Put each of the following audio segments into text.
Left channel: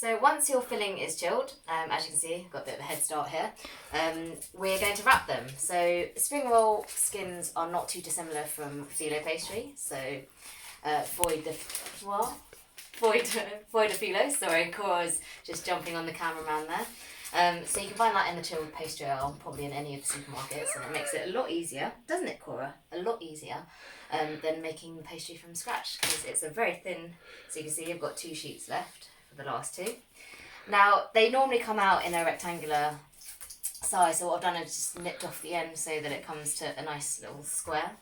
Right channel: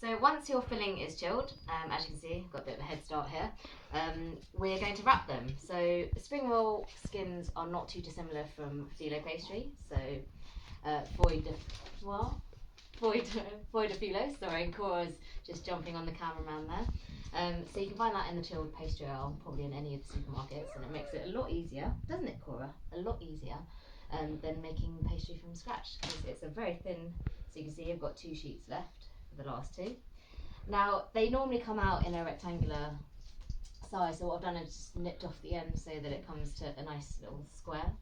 So once your filling is chilled, as you can see, I've got a bit of a head start here, we're going to wrap them. So spring roll skins are not too dissimilar from filo pastry. So foie de filo, sorry, Cora's just jumping on the cameraman there. So you can find that in the chilled pastry aisle, probably in any of the supermarkets, and it makes it a lot easier, doesn't it, Cora? A lot easier than making pastry from scratch, because it's a very thin, so you can see I've got 2 sheets left for the last 2. Now, they normally come out in a rectangular size, so what I've done is just nipped off the end so that it comes to a nice little square.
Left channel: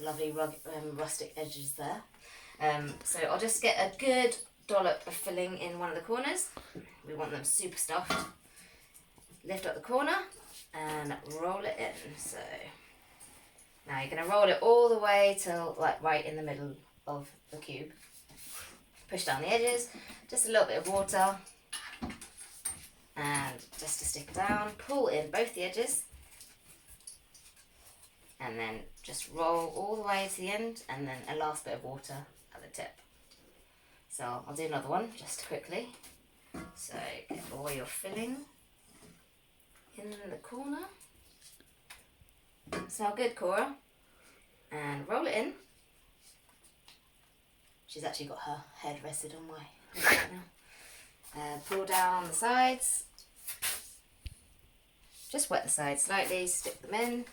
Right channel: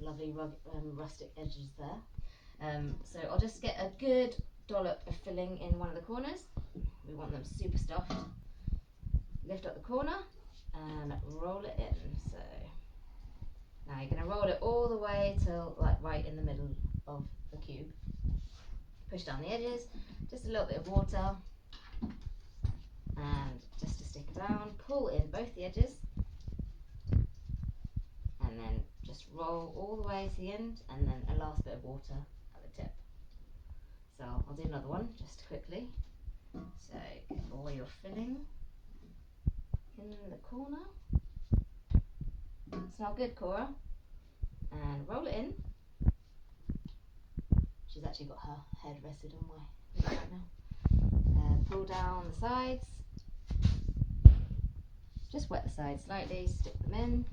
Lovely rustic edges there. So I'll just get a good dollop of filling in one of the corners. We want them super stuffed. Lift up the corner and roll it in. So now you're going to roll it all the way till like right in the middle of the cube. Push down the edges, just a little bit of water, and just to stick it down, pull in both the edges, and then just roll all the way to the end, and then a last bit of water at the tip. So I'll do another one just quickly. So get all your filling in the corner. Smell good, Cora. And roll it in. She's actually got her head rested on my head right now. Pull down the sides. Just wet the sides slightly, stick them in.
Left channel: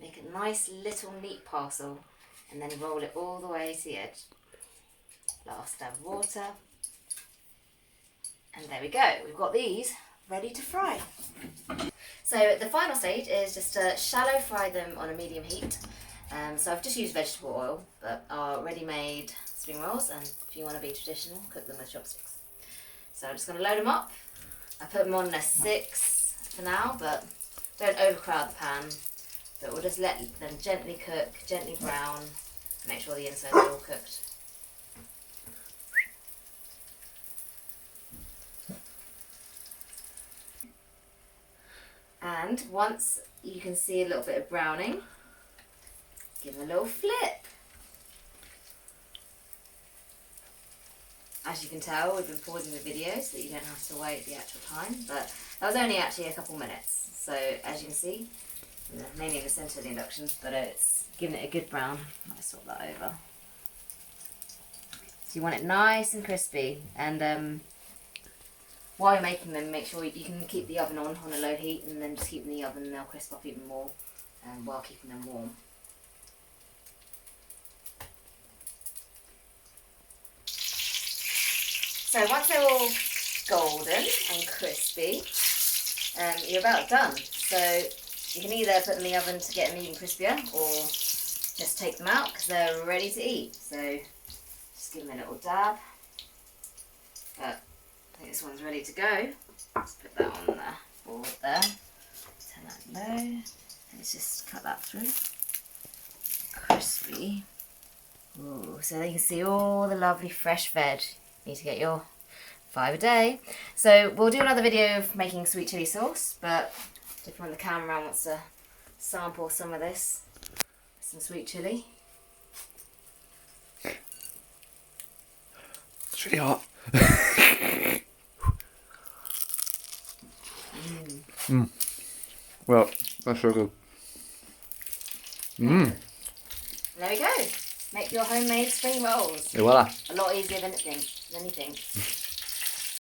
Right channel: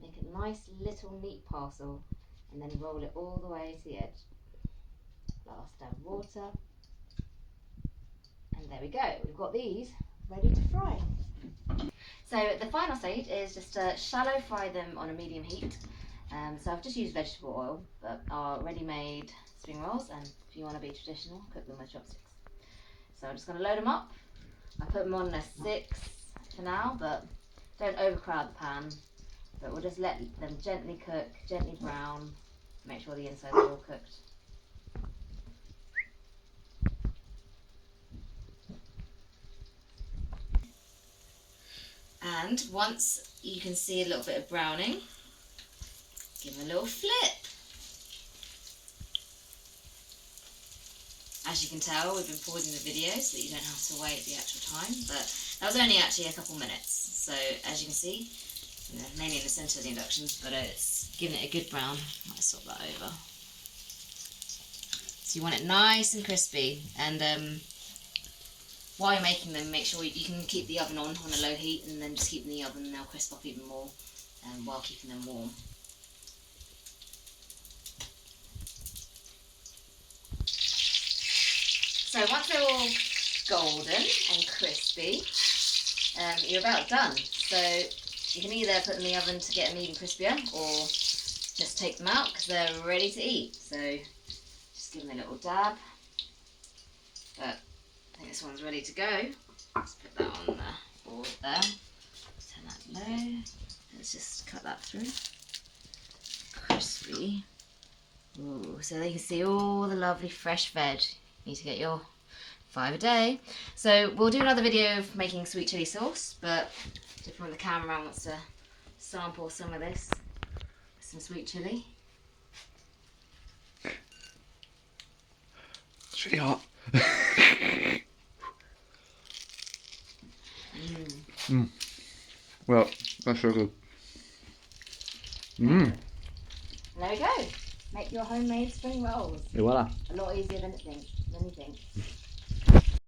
Make a nice little neat parcel, and then roll it all the way to the edge. Last dab of water. And there we go. We've got these ready to fry. So the final stage is just to shallow fry them on a medium heat. So I've just used vegetable oil, but our ready-made spring rolls, and if you want to be traditional, cook them with chopsticks. So I'm just going to load them up. I put them on a 6 for now, but don't overcrowd the pan. But we'll just let them gently cook, gently brown, make sure the insides are all cooked. And once you can see a little bit of browning, give them a little flip. As you can tell, we've been pausing the video so that you don't have to wait the actual time, but that was only actually a couple minutes. So as you can see, mainly in the centre of the induction, but it's given it a good brown. I'll swap that over. So you want it nice and crispy, and while you're making them, make sure you can keep the oven on a low heat, and then just keep them in the oven and they'll crisp up even more while keeping them warm. So once they're all golden and crispy, you're about done. So you can either put them in the oven to get them even crispier, or just take them out because they're ready to eat. So just give them a little dab. But I think this one's ready to go. Let's put that on the board there. Turn that low. Let's just cut that through. Crispy. Ooh, so there you can see all the lovely fresh veg. You need to get your 5 a day. So we'll do another video of making sweet chilli sauce, but if the cameraman wants to sample some of this, some sweet chilli. It's really hot. Well, that's so good. There we go. Make your homemade spring rolls. Et voilà. A lot easier than you think.